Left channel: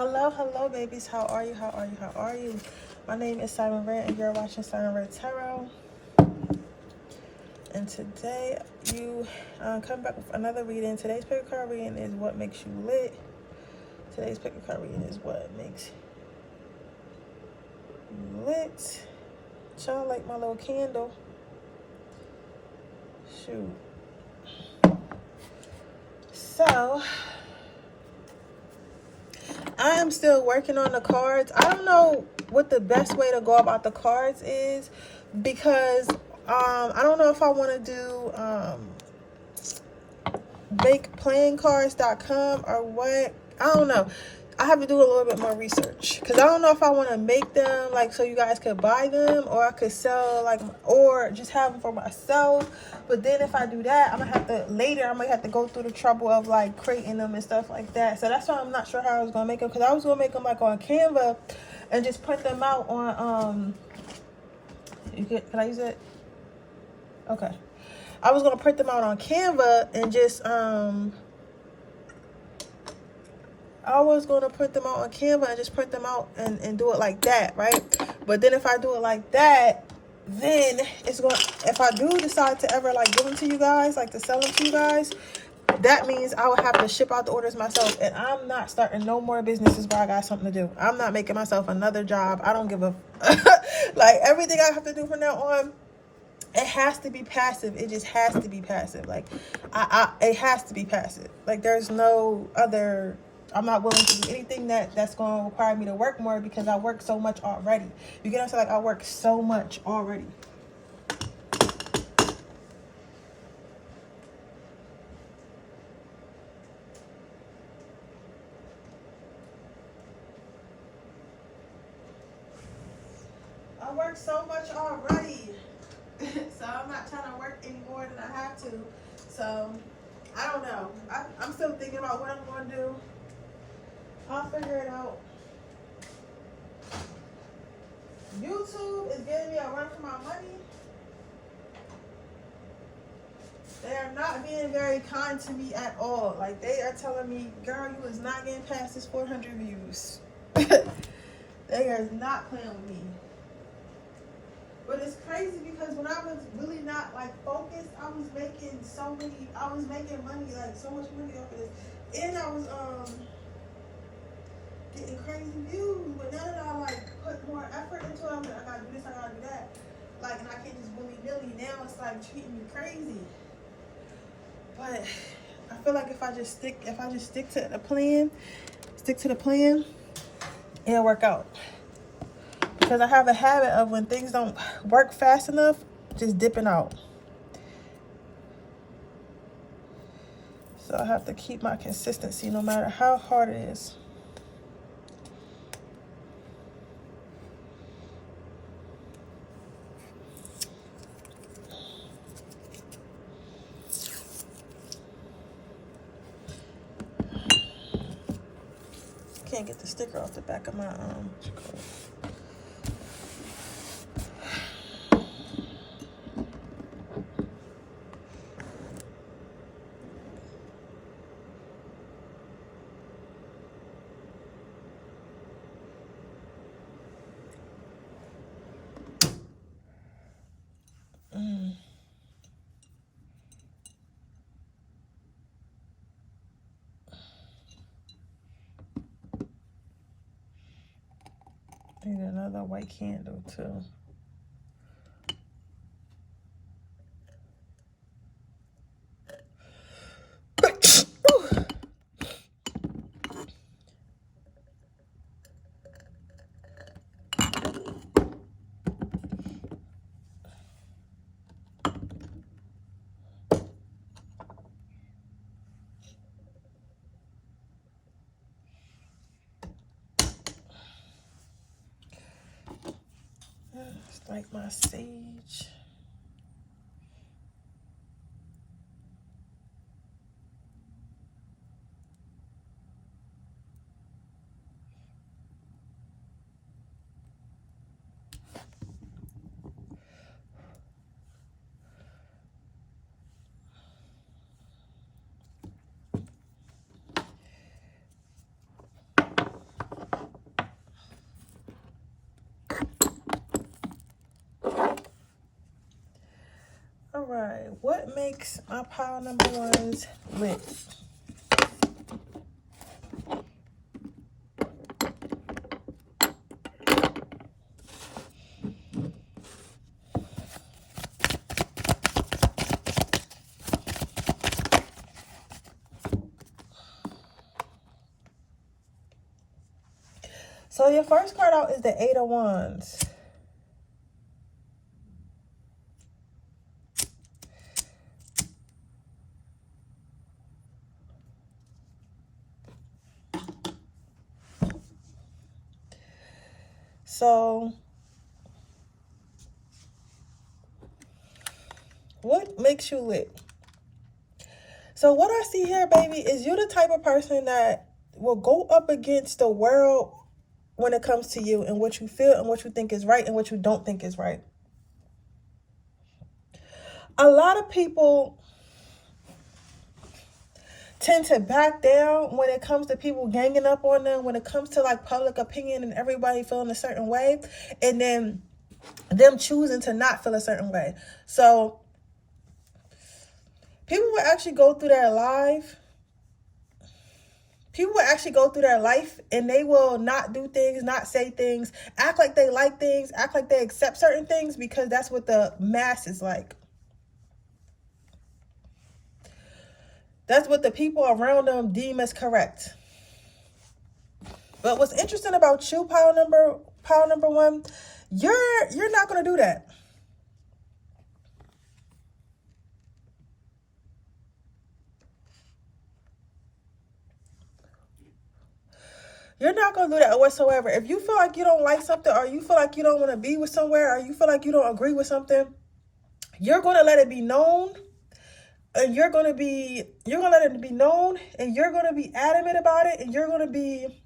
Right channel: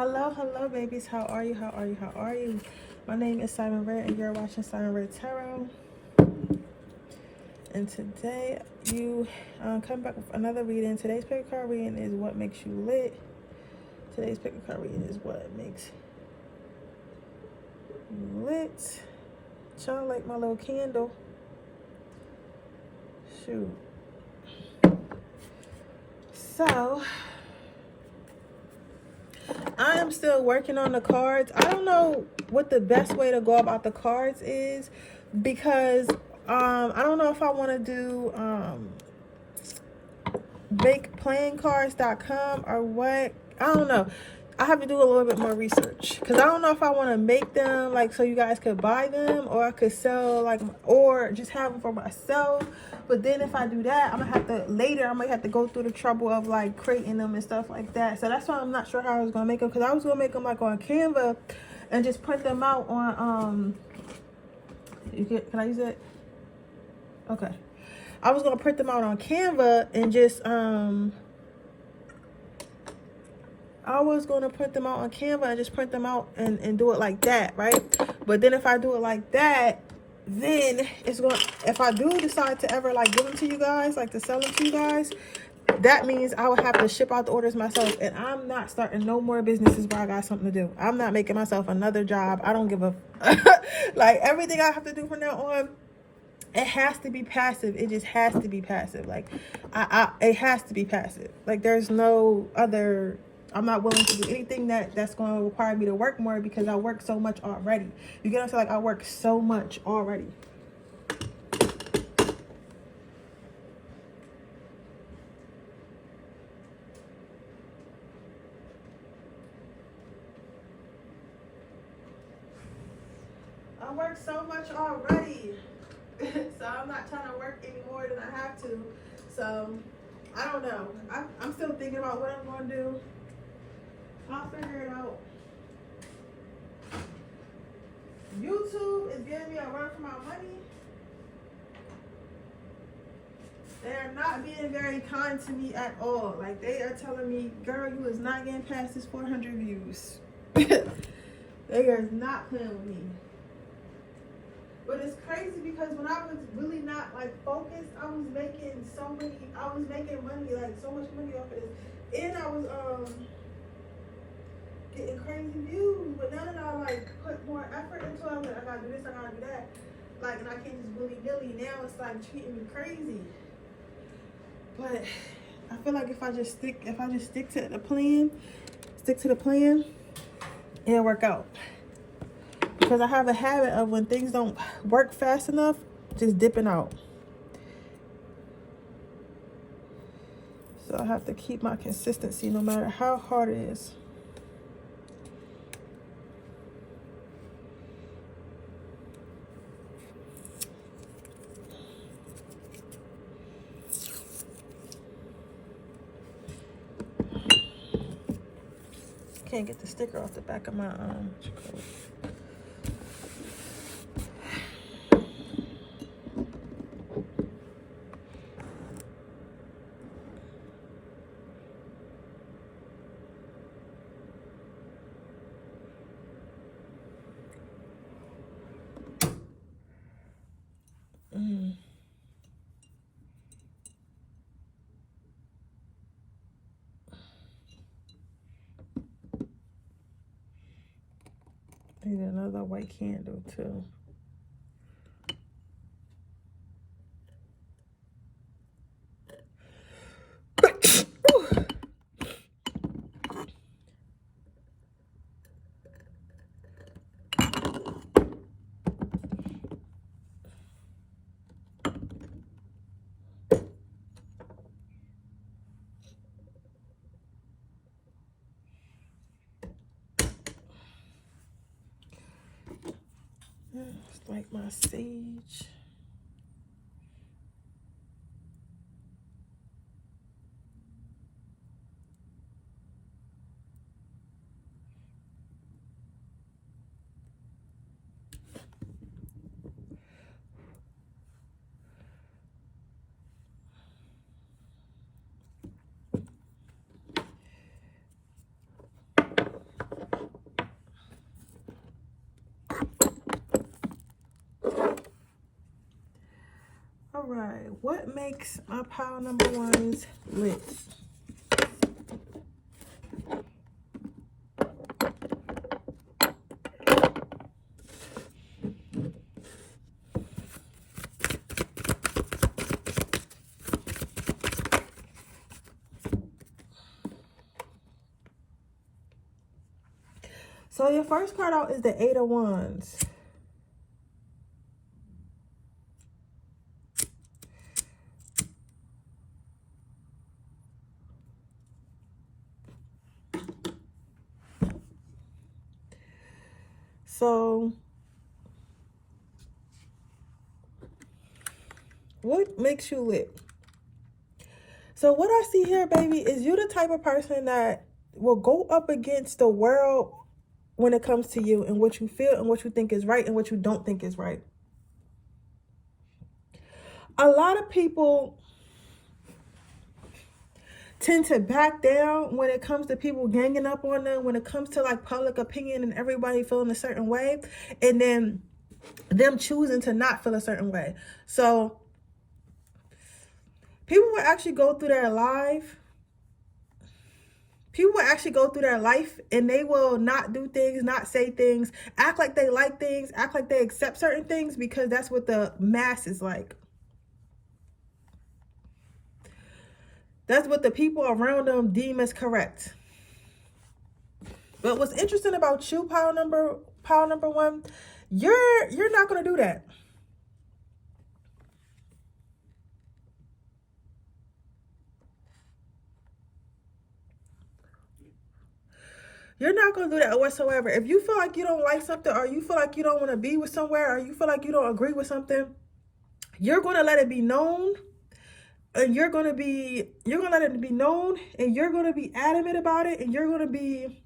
Hello, babies. How are you? My name is Sirenredd, and you're watching Sirenredd Tarot. And today, you come back with another reading. Today's pick a card reading is what makes you lit. Today's pick a card reading is what makes you lit. Y'all like my little candle? Shoot. So, I am still working on the cards. I don't know what the best way to go about the cards is because I don't know if I want to do makeplayingcards.com or what. I don't know. I have to do a little bit more research because I don't know if I want to make them like so you guys could buy them, or I could sell like, or just have them for myself. But then if I do that, I'm gonna have to later. I'm gonna have to go through the trouble of like creating them and stuff like that. So that's why I'm not sure how I was gonna make them, because I was gonna make them like on Canva and just print them out on can I use it? Okay. I was gonna print them out on Canva and just I was going to print them out on Canva and just print them out and do it like that, right? But then if I do it like that, then it's going to, if I do decide to ever like give them to you guys, like to sell them to you guys, that means I would have to ship out the orders myself. And I'm not starting no more businesses where I got something to do. I'm not making myself another job. I don't give a, like everything I have to do from now on, it has to be passive. It just has to be passive. Like, it has to be passive. Like, there's no other. I'm not willing to do anything that's going to require me to work more because I work so much already. You get what I'm saying? Like, I work so much already. I work so much already. So I'm not trying to work any more than I have to. So I don't know. I'm still thinking about what I'm going to do. I'll figure it out. YouTube is giving me a run for my money. They are not being very kind to me at all. Like, they are telling me, girl, you is not getting past this 400 views. They are not playing with me. But it's crazy because when I was really not like focused, I was making money, like so much money off of this. And I was getting crazy views. But now that I like put more effort into it, I'm like, I gotta do this, I gotta do that. Like, and I can't just willy-nilly. Now it's like treating me crazy. But I feel like if I just stick to the plan, it'll work out. Because I have a habit of when things don't work fast enough, just dipping out. So I have to keep my consistency no matter how hard it is. Can't get the sticker off the back of my Need another white candle too. Just like my sage. what makes my pile number ones lit? So your first card out is the Eight of Wands. So what makes you lit? So what I see here, baby, is you're the type of person that will go up against the world when it comes to you and what you feel and what you think is right and what you don't think is right. A lot of people tend to back down when it comes to people ganging up on them, when it comes to like public opinion and everybody feeling a certain way, and then them choosing to not feel a certain way. So people will actually go through their life. People will actually go through their life and they will not do things, not say things, act like they like things, act like they accept certain things because that's what the mass is like. That's what the people around them deem as correct. But what's interesting about you, pile number one, you're not gonna do that. You're not going to do that whatsoever. If you feel like you don't like something, or you feel like you don't want to be with somewhere, or you feel like you don't agree with something, you're going to let it be known. And you're going to let it be known, and you're going to be adamant about it, and you're going to be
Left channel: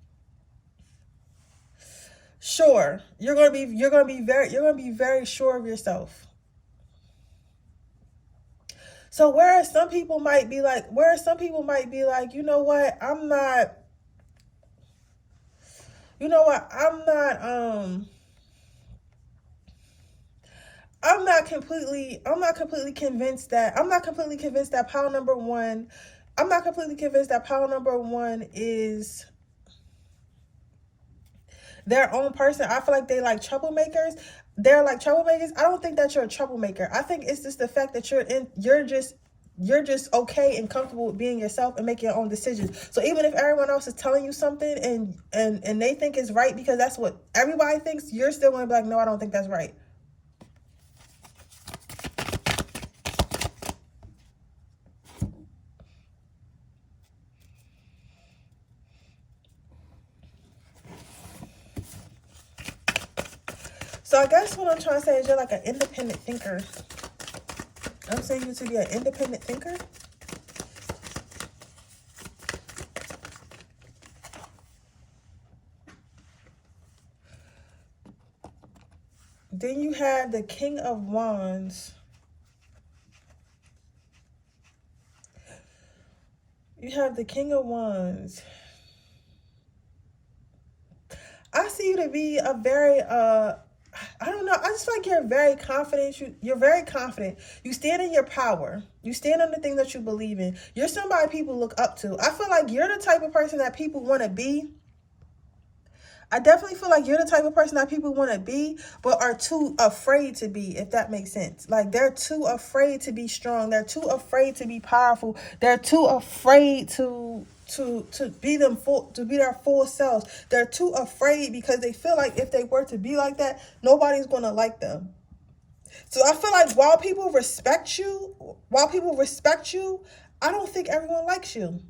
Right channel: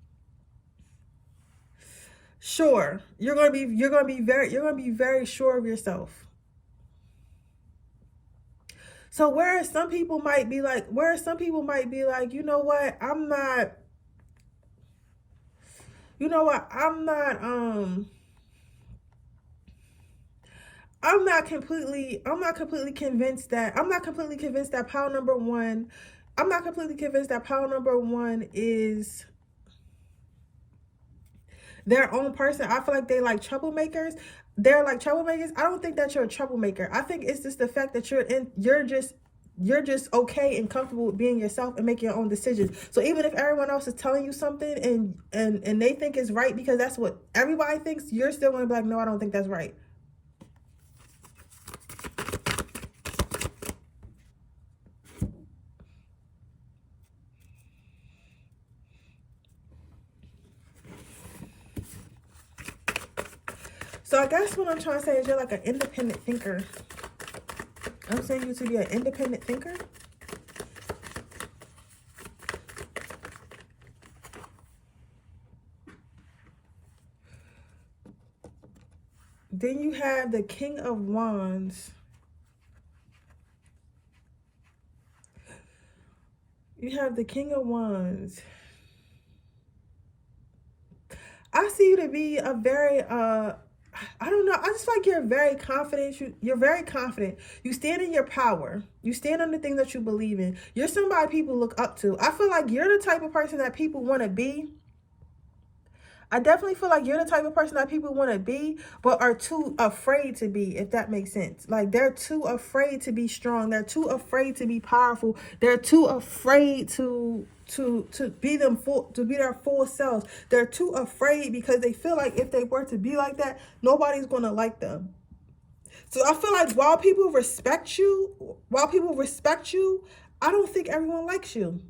sure. You're going to be very sure of yourself. So whereas some people might be like, you know what, I'm not completely convinced that pile number one, I'm not completely convinced that pile number one is their own person. I feel like they like troublemakers. They're like troublemakers. I don't think that you're a troublemaker. I think it's just the fact that you're just okay and comfortable with being yourself and making your own decisions. So even if everyone else is telling you something and they think it's right because that's what everybody thinks, you're still gonna be like, no, I don't think that's right. So I guess what I'm trying to say is you're like an independent thinker. I'm saying you to be an independent thinker. Then you have the King of Wands. You have the King of Wands. I see you to be a very, I don't know. I just feel like you're very confident. You're very confident. You stand in your power. You stand on the things that you believe in. You're somebody people look up to. I feel like you're the type of person that people want to be. I definitely feel like you're the type of person that people want to be, but are too afraid to be, if that makes sense. Like they're too afraid to be strong. They're too afraid to be powerful. They're too afraid to be their full selves. They're too afraid because they feel like if they were to be like that, nobody's going to like them. So I feel like while people respect you, I don't think everyone likes you.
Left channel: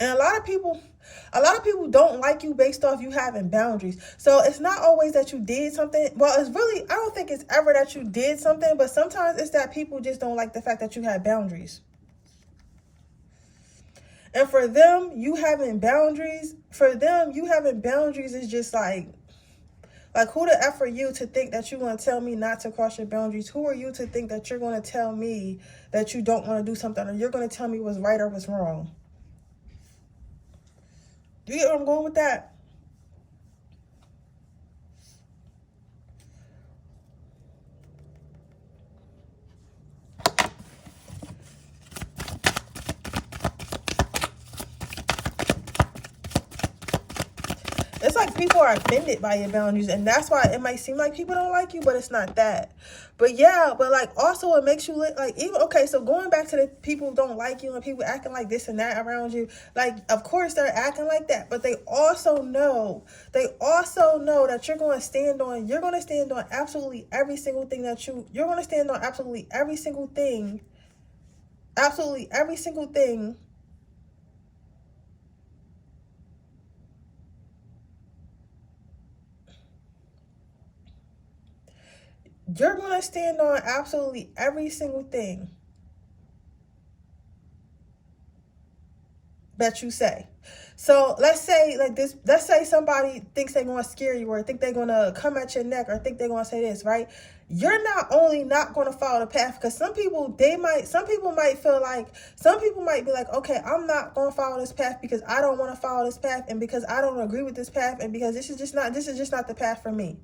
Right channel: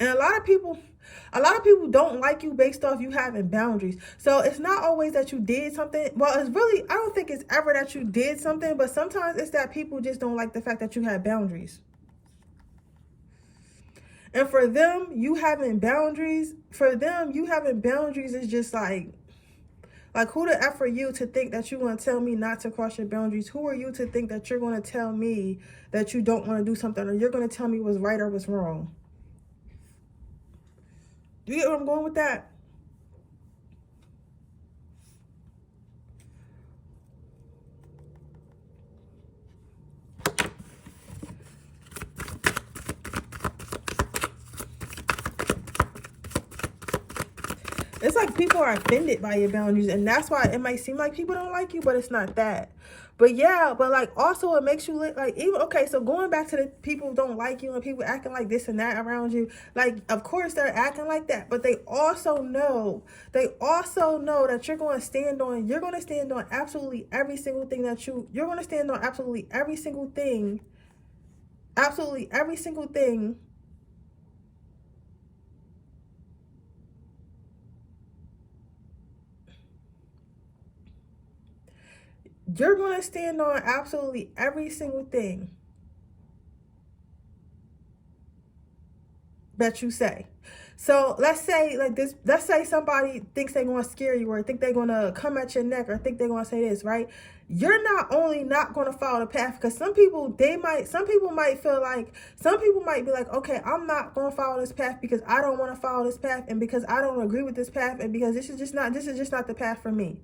And a lot of people don't like you based off you having boundaries. So it's not always that you did something. Well, it's really, I don't think it's ever that you did something, but sometimes it's that people just don't like the fact that you had boundaries. And for them, you having boundaries is just like who the F are you to think that you're going to tell me not to cross your boundaries? Who are you to think that you're going to tell me that you don't want to do something, or you're going to tell me what's right or what's wrong? Do you get where I'm going with that? people are offended by your boundaries, and that's why it might seem like people don't like you, but it's not that. But yeah, but like also it makes you look like, even, okay, so going back to the people who don't like you and people acting like this and that around you, like of course they're acting like that, but they also know that you're going to stand on absolutely every single thing that you're going to stand on absolutely every single thing you're going to stand on absolutely every single thing that you say. So let's say like this, let's say somebody thinks they're going to scare you, or think they're going to come at your neck, or think they're going to say this, right? You're not only not going to follow the path, because some people might be like, okay, I'm not going to follow this path because I don't want to follow this path, and because I don't agree with this path, and because this is just not the path for me,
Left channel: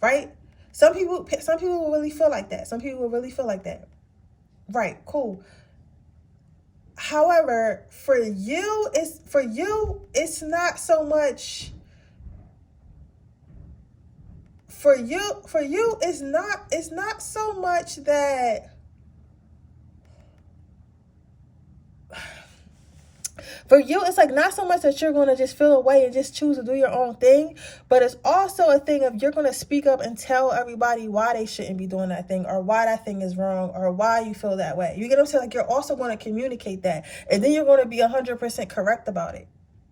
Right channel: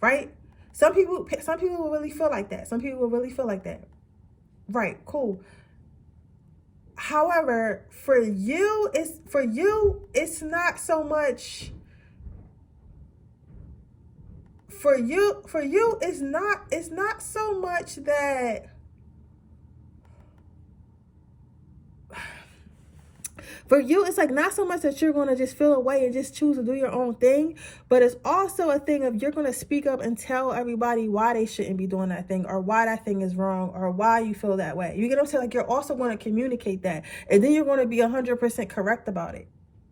right? Some people will really feel like that. Right, cool. However, for you, it's not so much. For you, it's not so much that. For you, it's like not so much that you're going to just feel away and just choose to do your own thing, but it's also a thing of you're going to speak up and tell everybody why they shouldn't be doing that thing, or why that thing is wrong, or why you feel that way. You get what I'm saying? Like you're also going to communicate that, and then you're going to be 100% correct about it.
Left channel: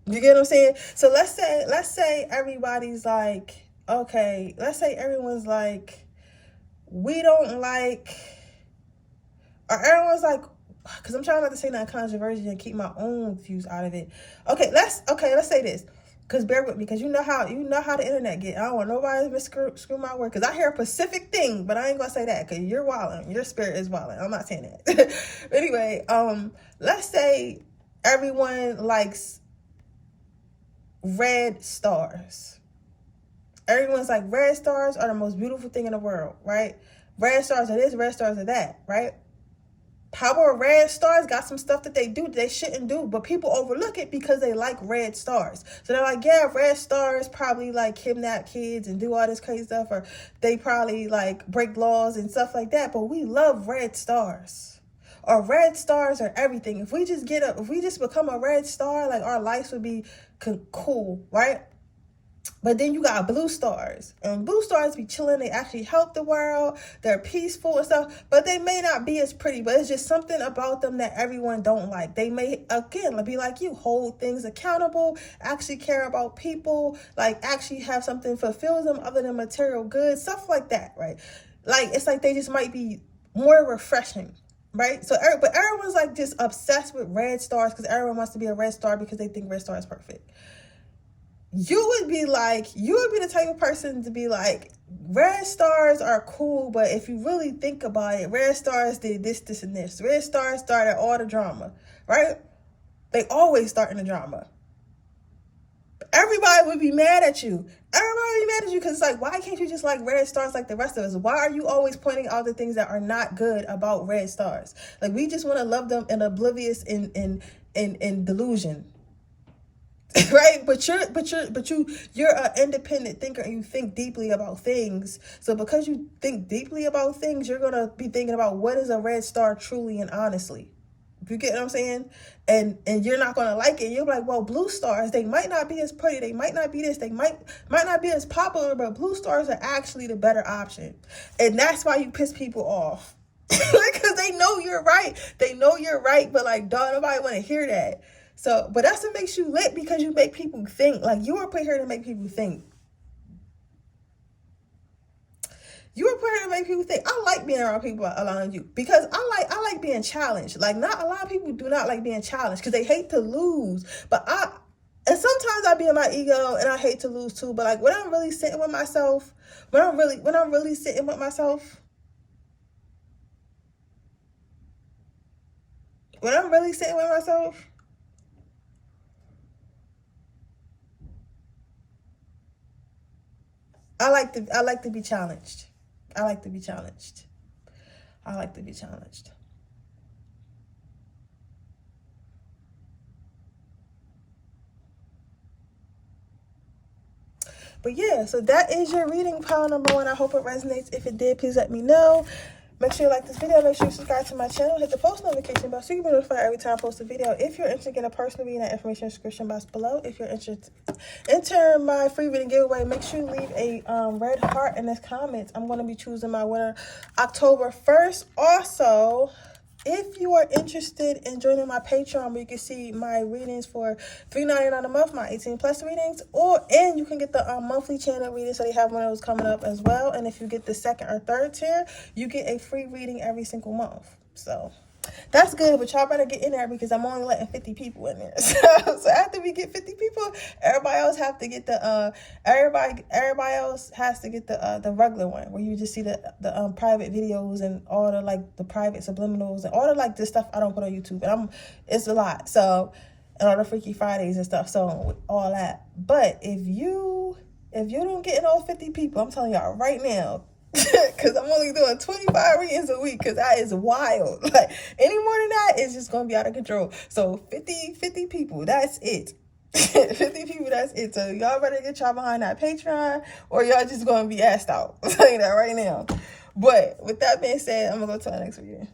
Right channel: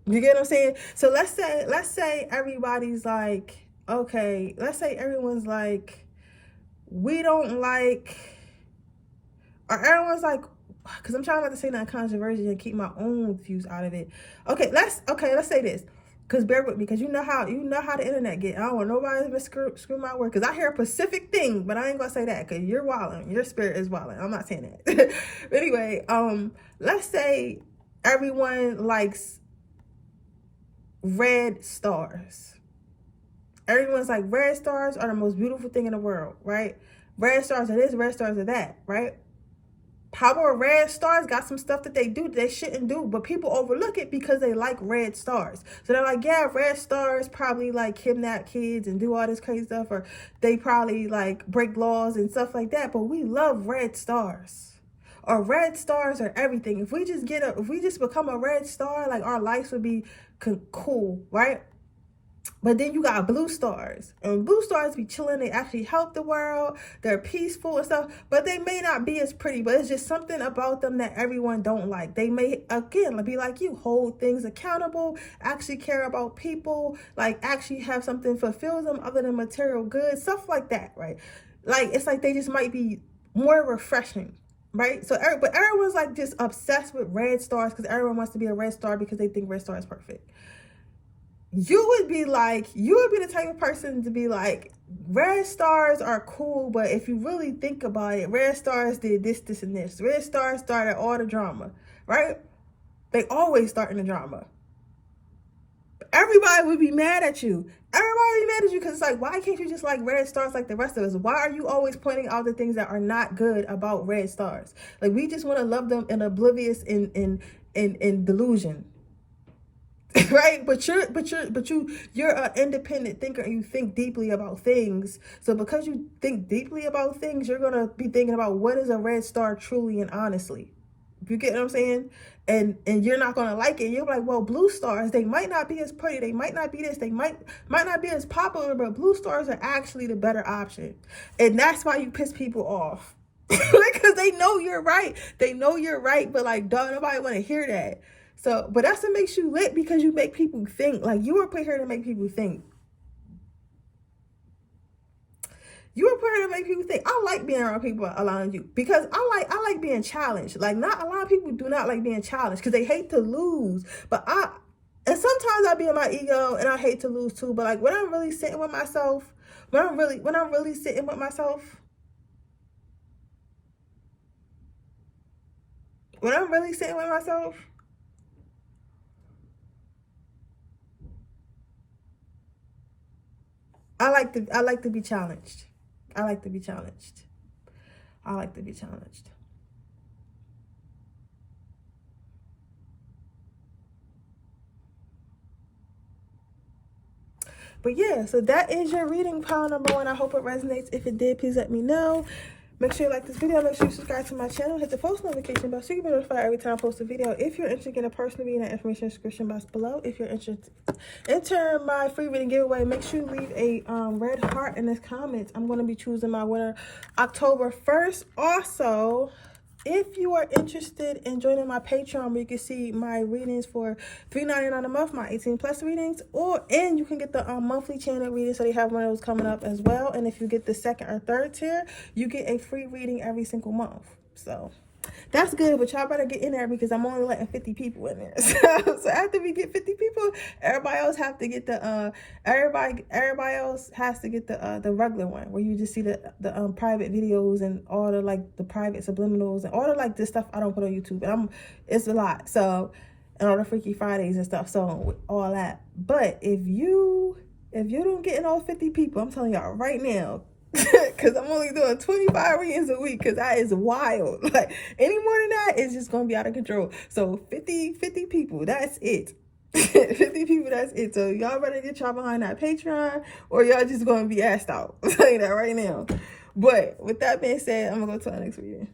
You get what I'm saying? So let's say everybody's like, okay, let's say everyone's like, we don't like, or everyone's like, because I'm trying not to say that controversial and keep my own views out of it. Okay, let's say this. Because bear with me, because you know how the internet get. I don't want nobody to screw my word. Because I hear a specific thing, but I ain't gonna say that because you're wilding. Your spirit is wilding. I'm not saying that. But anyway, let's say everyone likes red stars. Everyone's like, red stars are the most beautiful thing in the world, right? Red stars are this, red stars are that, right? Power red stars got some stuff that they do that they shouldn't do, but people overlook it because they like red stars. So they're like, yeah, red stars probably like kidnap kids and do all this crazy stuff, or they probably like break laws and stuff like that, but we love red stars. Or red stars are everything. If we just become a red star, like our lives would be cool, right? But then you got blue stars, and blue stars be chilling. They actually help the world. They're peaceful and stuff, but they may not be as pretty, but it's just something about them that everyone don't like. They may, again, be like you, hold things accountable, actually care about people, like actually have something fulfill them other than material goods, stuff like that, right? Like, it's like they just might be more refreshing, right? So, but everyone's like just obsessed with red stars because everyone wants to be a red star because they think red star is perfect. You would be the type of person to be like, red stars are cool, but if you really think about it, red stars did this, this, and this. Red stars started all the drama, right? They always start in the drama. Everybody would be mad at you. Everybody would be mad at you because it's like, why can't you just like red stars like the rest of us? Why are you always pointing out the things that are not good about red stars? Like, we just want to love them and oblivious in delusion. Right, but you're an independent thinker, and you think deeply about things. So because you think deeply about things, you're gonna be thinking about what is a red star truly and honestly. You get what I'm saying? And you're not gonna like it. You're like, well, blue stars, they might not be as pretty, they might not be this, they might not be as popular, but blue stars are actually the better option. And that's why you piss people off. Like, because they know you're right. They know you're right, but like, don't nobody want to hear that. So, but that's what makes you lit, because you make people think. Like, you were put here to make people think. You were put here to make people think. I like being around people around you because I like being challenged. Like, not a lot of people do not like being challenged because they hate to lose. But and sometimes I be in my ego and I hate to lose too. But like, when I'm really sitting with myself, when I'm really sitting with myself, I like to be challenged. I like to be challenged. But yeah, so that is your reading, pile number 1. I hope it resonates. If it did, please let me know. Make sure you like this video. Make sure you subscribe to my channel. Hit the post notification bell so you can be notified every time I post a video. If you're interested in a personal reading, that information in the description box below. If you're interested, enter my free reading giveaway. Make sure you leave a red heart in the comments. I'm going to be choosing my winner October 1st. Also, if you are interested in joining my Patreon, where you can see my readings for $3.99 a month, my 18+ readings, and you can get the monthly channel readings, so they have one of those coming up as well. And if you get the 2nd or 3rd tier, you get a free reading every single month. So that's good, but y'all better get in there because I'm only letting 50 people in there. So after we get 50 people, everybody else have to get the everybody else has to get the regular one, where you just see the private videos and all the like the private subliminals and all the like this stuff I don't put on YouTube. And it's a lot. So, and all the Freaky Fridays and stuff. So all that. But if you don't get in all 50 people, I'm telling y'all right now, because I'm only doing 25 readings a week, because that is wild. Like, any more than that, it's just going to be out of control. So 50 people, that's it. 50 people, that's it. So y'all better get y'all behind that Patreon, or y'all just going to be asked out. I'm telling you that right now. But with that being said, I'm going to go to the next reading.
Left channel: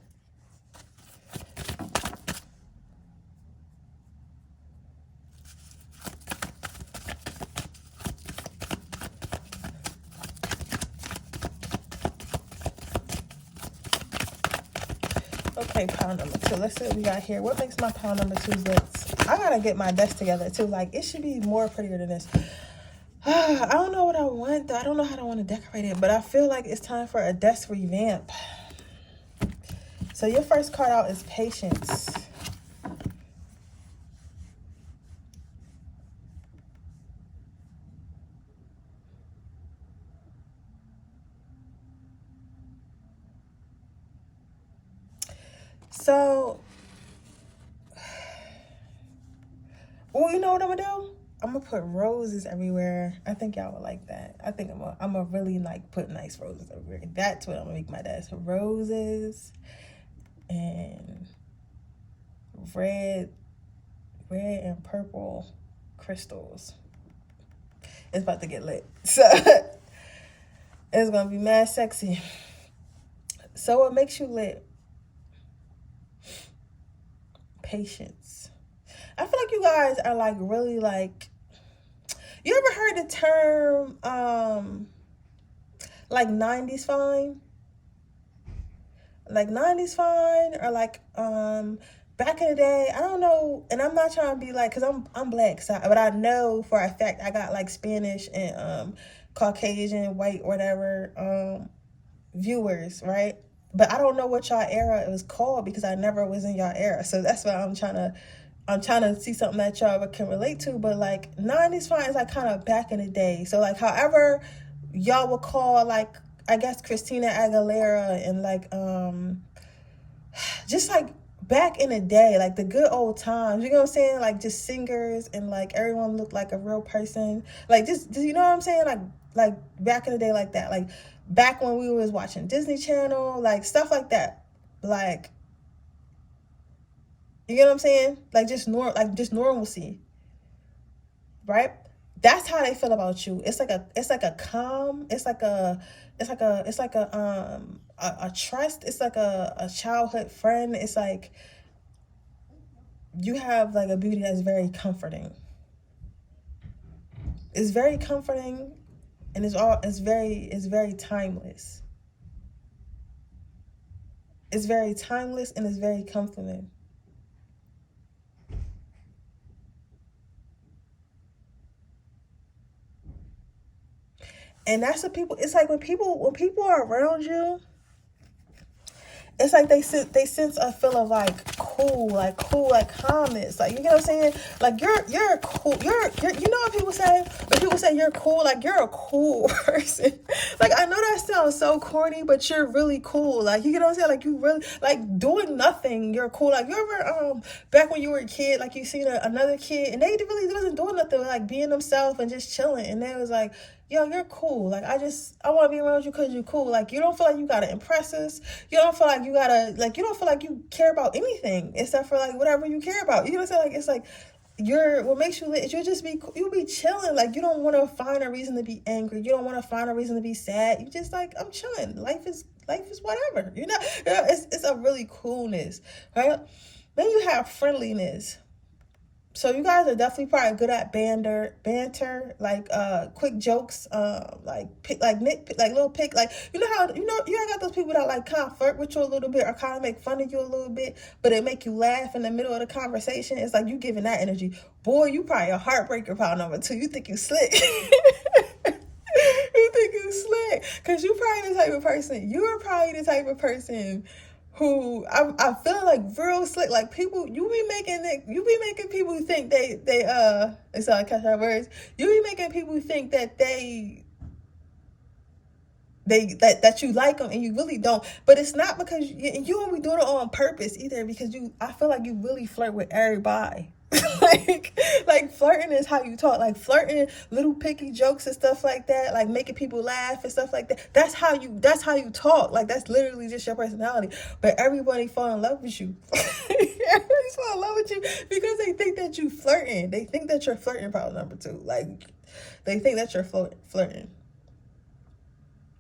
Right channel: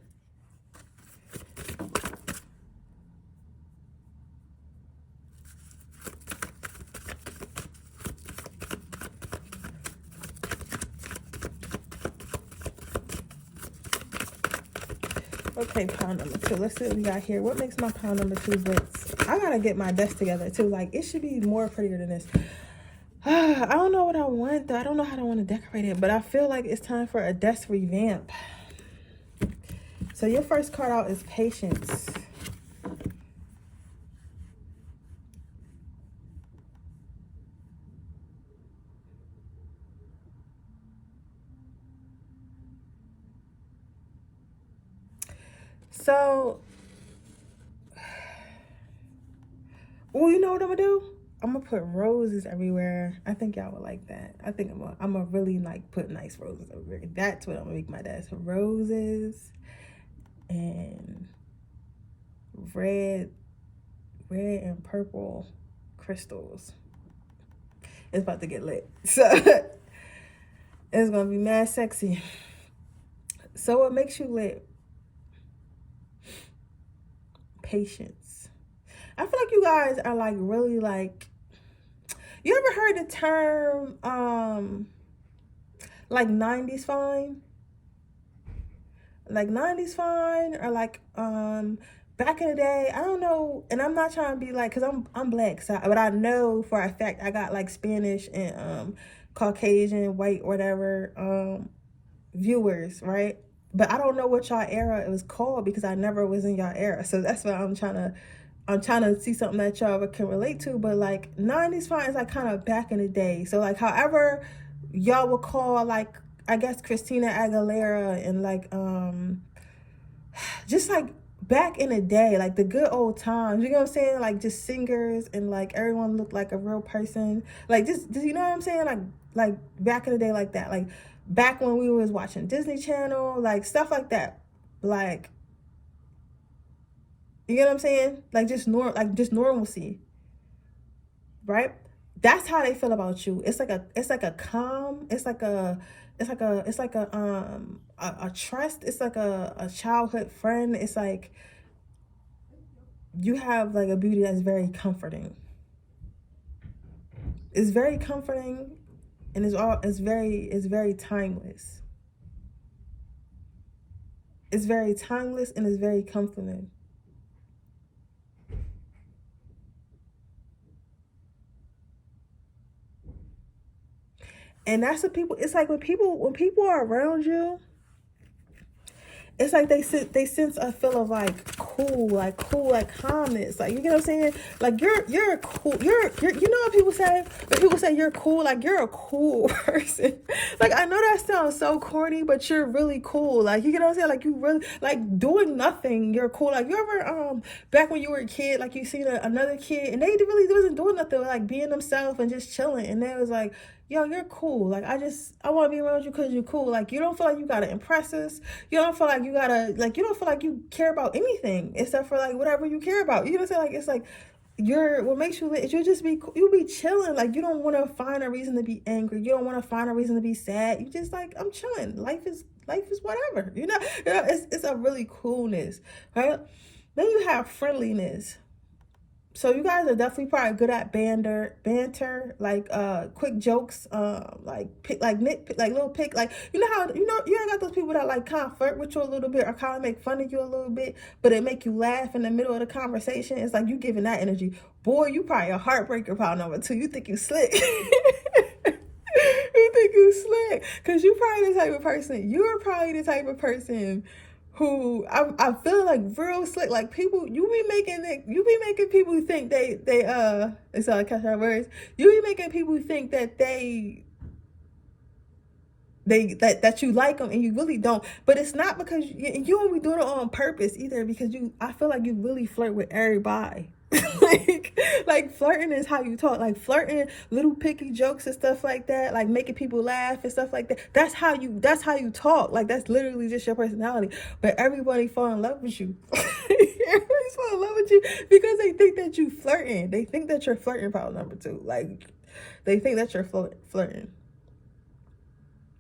Okay, pile number 2. Let's see what we got here. What makes my pile number 2 blitz? I gotta get my desk together too. Like, it should be more prettier than this. I don't know what I want, though. I don't know how I want to decorate it, but I feel like it's time for a desk revamp. So your first card out is Patience. So, well, you know what I'm gonna do? I'm gonna put roses everywhere. I think y'all would like that. I think I'm gonna really like put nice roses everywhere. That's what I'm gonna make my desk. Roses and red and purple crystals. It's about to get lit. So it's gonna be mad sexy. So what makes you lit? Patience. I feel like you guys are like really like, you ever heard the term like 90s fine? Like 90s fine, or like back in the day, I don't know, and I'm not trying to be like, because I'm black, so, but I know for a fact I got like Spanish and Caucasian, white, whatever viewers, right? But I don't know what y'all era it was called, because I never was in y'all era. So that's why I'm trying to see something that y'all can relate to. But like 90s fine is like kind of back in the day. So like however y'all would call, like, I guess Christina Aguilera and like just like back in the day, like the good old times, you know what I'm saying? Like just singers, and like everyone looked like a real person. Like just you know what I'm saying? Like back in the day, like that. Like back when we was watching Disney Channel, like stuff like that. Like, you know what I'm saying? Like just normalcy, right? That's how they feel about you. It's like a calm. It's like a trust. It's like a childhood friend. It's like you have like a beauty that's very comforting. It's very comforting, and it's very timeless. It's very timeless, and it's very comforting. And that's what people, it's like when people are around you, it's like they sense a feel of like cool, like calmness. Like, you know what I'm saying? Like you're cool. You're you know what people say? When people say you're cool, like you're a cool person. Like, I know that sounds so corny, but you're really cool. Like, you know what I'm saying? Like, you really, like, doing nothing, you're cool. Like, you ever back when you were a kid, like, you seen another kid and they really wasn't doing nothing, like being themselves and just chilling, and they was like, yo, you're cool. Like, I want to be around you because you're cool. Like, you don't feel like you got to impress us. You don't feel like you don't feel like you care about anything except for, like, whatever you care about. You know what I'm saying? Like, it's like, what makes you lit is you'll be chilling. Like, you don't want to find a reason to be angry. You don't want to find a reason to be sad. You just like, I'm chilling. Life is whatever. It's a really coolness, right? Then you have friendliness. So you guys are definitely probably good at banter, like quick jokes, like little pick, like how you got those people that like kind of flirt with you a little bit or kind of make fun of you a little bit, but they make you laugh in the middle of the conversation. It's like you giving that energy. Boy, you probably a heartbreaker pile number 2. You think you slick. You think you slick, cause you're probably the type of person who I feel like real slick. Like, people, you be making people think it's all catch our words. You be making people think that that you like them, and you really don't. But it's not because you don't be doing it on purpose either, because I feel like you really flirt with everybody. like flirting is how you talk. Like, flirting, little picky jokes and stuff like that, like making people laugh and stuff like that. That's how you talk. Like, that's literally just your personality. But everybody fall in love with you. Everybody fall in love with you because they think that you flirting. They think that you're flirting, problem number 2. Like, they think that you're flirting.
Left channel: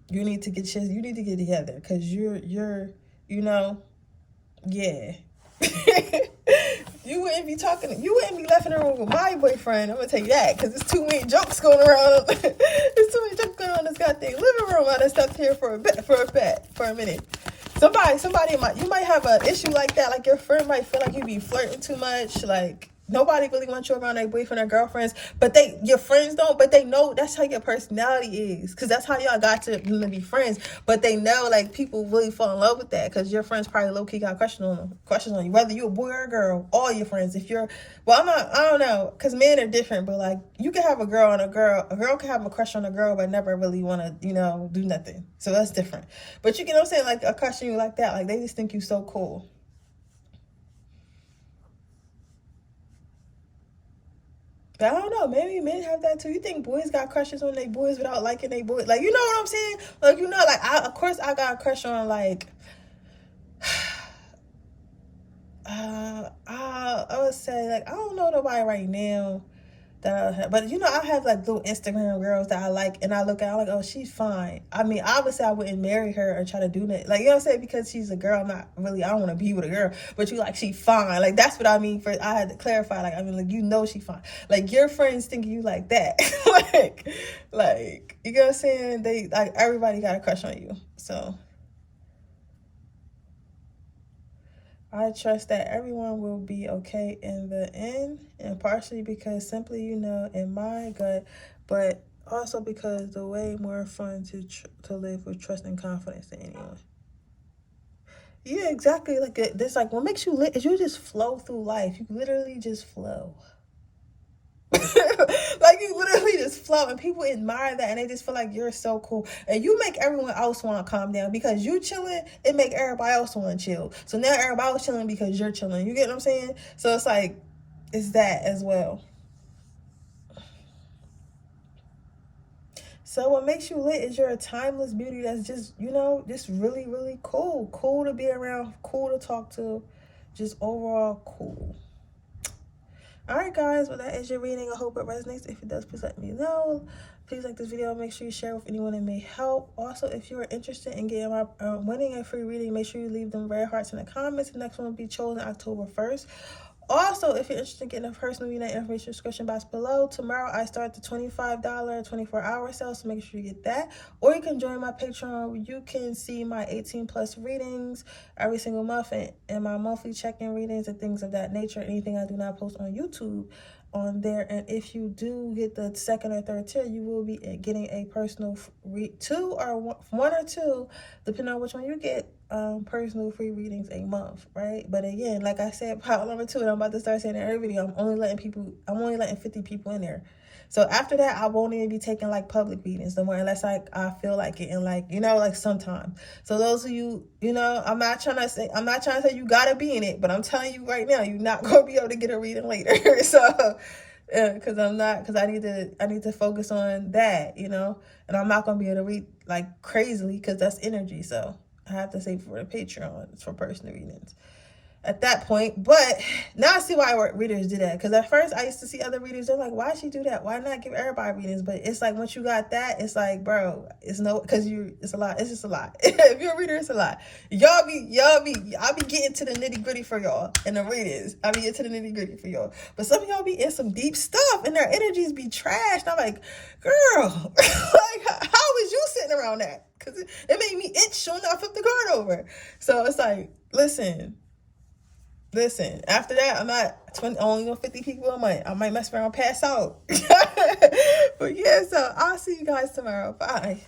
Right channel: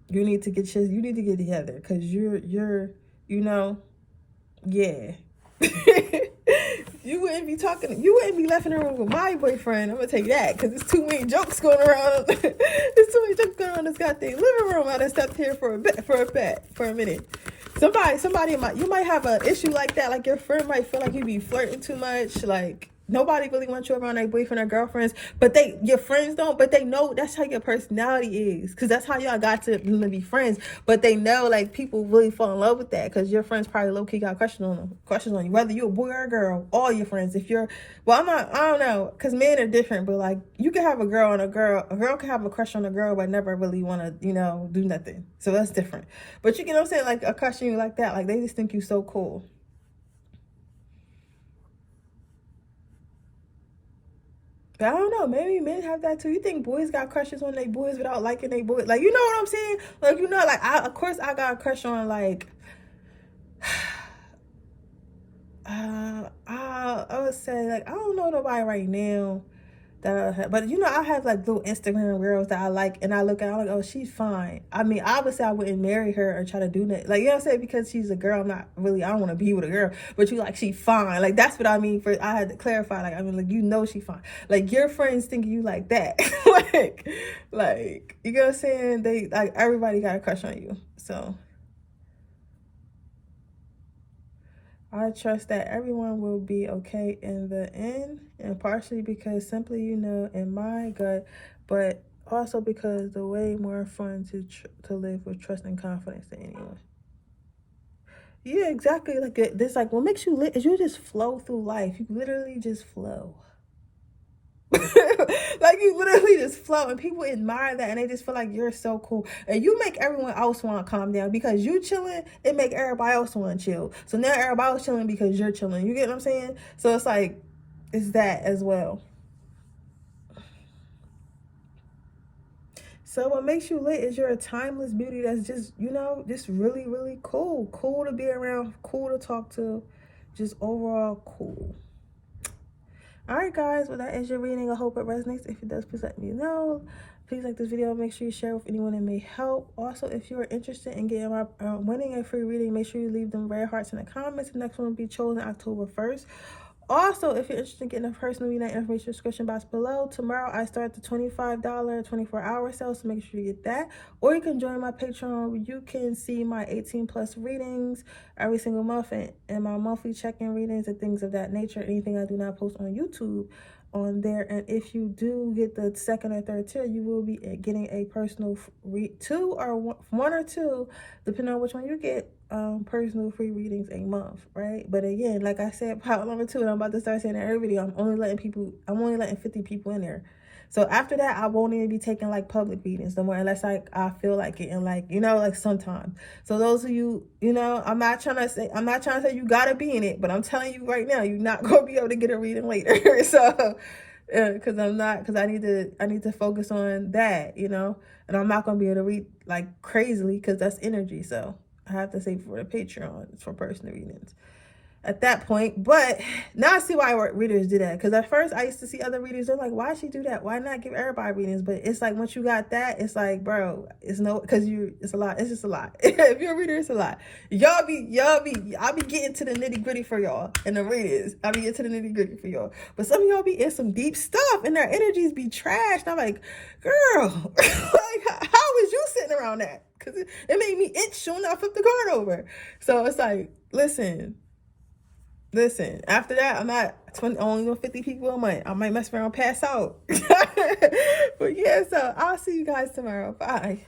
You need to get together, because you're yeah. You wouldn't be left in the room with my boyfriend. I'm gonna tell you that, because there's too many jokes going around. There's too many jokes going on in this goddamn living room. I done stepped here for a minute. Somebody you might have an issue like that. Like, your friend might feel like you be flirting too much. Like, nobody really wants you around their boyfriend or girlfriends, but your friends don't, but they know that's how your personality is, because that's how y'all got to be friends. But they know, like, people really fall in love with that, because your friends probably low-key got questions on you, whether you're a boy or a girl. All your friends, I don't know, because men are different, but like, you can have a girl can have a crush on a girl but never really want to do nothing. So that's different. But you get what I'm saying, like, a crush on you like that, like, they just think you so cool. I don't know. Maybe men have that too. You think boys got crushes on their boys without liking their boys? Like, you know what I'm saying? Like, like, of course I got a crush on, like, I would say, like, I don't know nobody right now that I have, but I have like little Instagram girls that I like, and I look at, I'm like, oh, she's fine. I mean, obviously I wouldn't marry her or try to do that, like, you know what I'm saying, because she's a girl. I don't want to be with a girl, but she fine. Like, that's what I mean. I had to clarify, like, I mean, like, she fine. Like, your friends think you like that. like, you know what I'm saying? They, like, everybody got a crush on you. So I trust that everyone will be okay in the end, and partially because simply, in my gut, but also because the way more fun to live with trust and confidence than anyone. Yeah, exactly. Like, this, like, what makes you lit is you just flow through life. You literally just flow. Like, you literally just flow, and people admire that, and they just feel like you're so cool, and you make everyone else want to calm down because you chilling. It make everybody else want to chill, so now everybody else chilling because you're chilling. You get what I'm saying? So it's like, it's that as well. So what makes you lit is you're a timeless beauty that's just just really, really cool to be around, cool to talk to, just overall cool. Alright guys, well, that is your reading. I hope it resonates. If it does, please let me know. Please like this video. Make sure you share with anyone that may help. Also, if you are interested in getting my winning a free reading, make sure you leave them red hearts in the comments. The next one will be chosen October 1st. Also, if you're interested in getting a personal reading, information description box below. Tomorrow I start the $25 24-hour sale, so make sure you get that. Or you can join my Patreon, where you can see my 18+ readings every single month, and my monthly check-in readings and things of that nature. Anything I do not post on YouTube on there. And if you do get the 2nd or 3rd tier, you will be getting a personal one or two, depending on which one you get, personal free readings a month, right? But again, like I said, part number 2, and I'm about to start saying in every video, I'm only letting 50 people in there. So after that, I won't even be taking like public readings no more, unless I feel like it, and like sometimes. So those of you, I'm not trying to say you gotta be in it, but I'm telling you right now, you're not gonna be able to get a reading later. So because I need to focus on that, and I'm not gonna be able to read like crazily, because that's energy. So I have to save for the Patreon for personal readings. at that point. But now I see why readers do that, because at first I used to see other readers, they're like, why she do that, why not give everybody readings? But it's like, once you got that, it's like, bro, it's no, because it's a lot, it's just a lot. If you're a reader, it's a lot. I'll be getting to the nitty-gritty for y'all in the readings. I'll be getting to the nitty-gritty for y'all, but some of y'all be in some deep stuff and their energies be trashed, and I'm like, girl, like, how is you sitting around that? Because it made me itch soon I flipped the card over. So it's like, listen, after that, I'm not only 50 people a month. I might mess around and pass out. But yeah, so I'll see you guys tomorrow. Bye.